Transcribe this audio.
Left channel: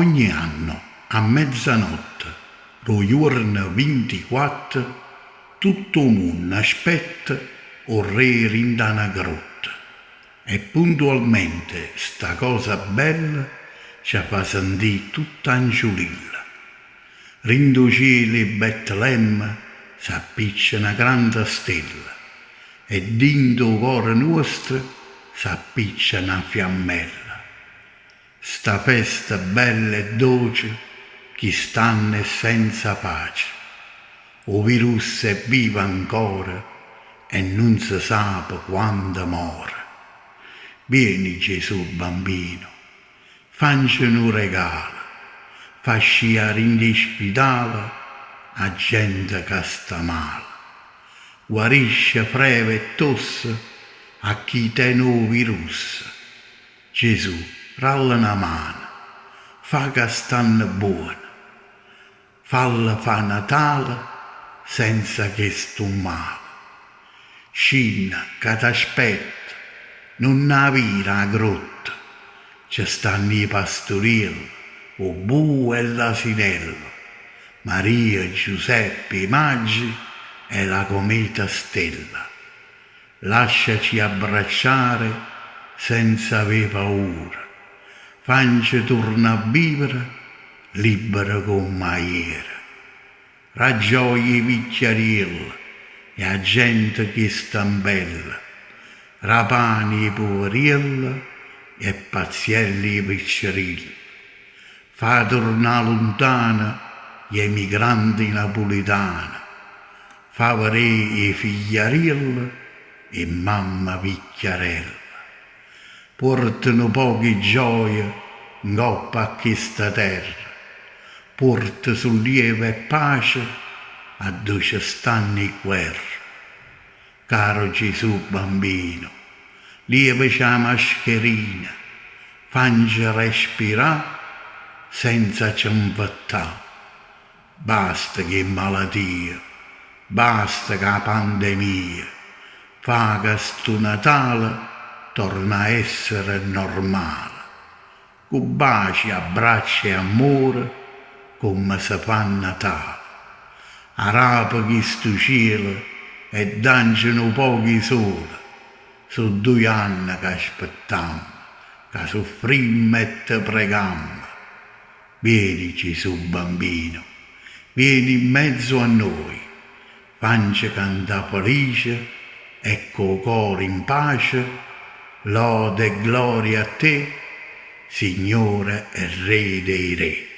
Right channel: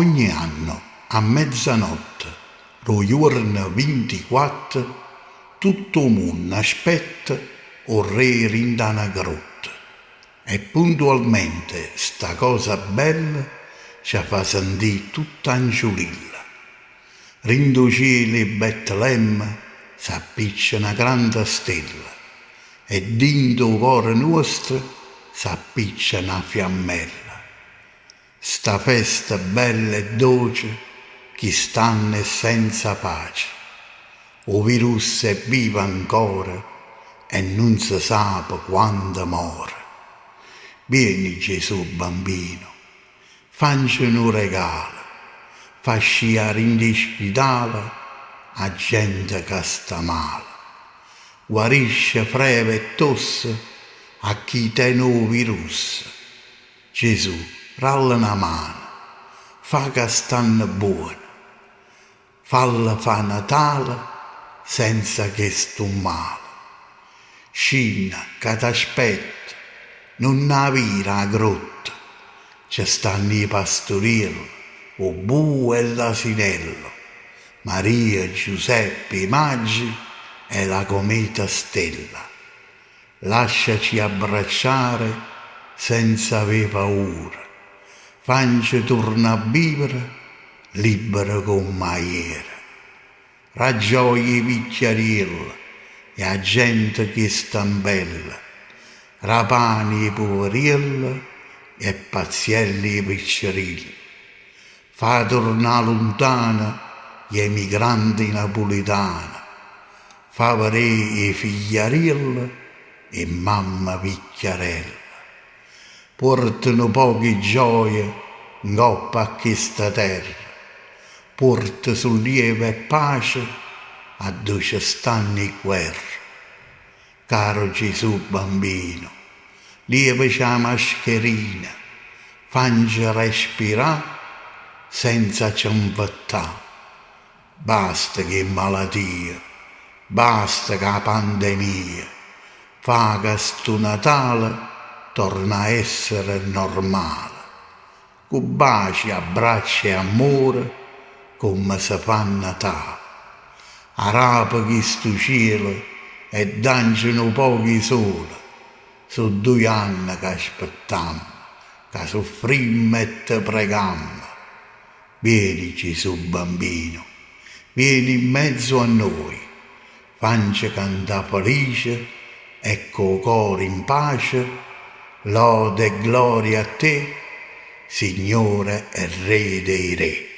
Ogni anno, a mezzanotte, lo giorno 24, tutto il mondo aspetta il re rinda una grotta. E puntualmente sta cosa bella ci fa sentire tutta angiolilla. Rindo cielo e Betlemme s'appiccia una grande stella e dinto il cuore nostro s'appiccia una fiammella. Sta festa bella e dolce chi stanno senza pace. O virus è vivo ancora e non si sa quando muore. Vieni Gesù bambino, facci un regalo, fa sciare in ospedale a gente che sta male. Guarisce freve e tosse a chi tiene il virus. Gesù, ralla una mano, fa che stanno buoni, falla fa Natale senza che sto male. Scina che t'aspetta, non avira a grotta, ci stanno i pastorielli, o bue e l'asinello, Maria, Giuseppe, i magi e la cometa stella. Lasciaci abbracciare senza avere paura, facci torna a vivere libera come ieri. Raggioia i picchiarielli e a gente che sta bella, rapani i poverielli e pazzielli i picciarilli. Fa tornare lontana gli emigranti napoletani, fa vedere i figliarilli e mamma picchiarella. Portano poche gioie in coppa a questa terra, porta sollievo e pace a dove ci stanno i guerre. Caro Gesù bambino, lievaci la mascherina, facci respirare senza cianvettare. Basta che malattia, basta che la pandemia, fa che sto Natale torna a essere normale. Con baci, abbracci e amore come si fa a Natale. Arapa questo cielo e dancino pochi sole. Sono 2 anni che aspettiamo, che soffrimmo e te preghiamo. Vieni Gesù bambino, vieni in mezzo a noi, facci cantare felice e col cuore in pace, lode e gloria a te, Signore e Re dei Re.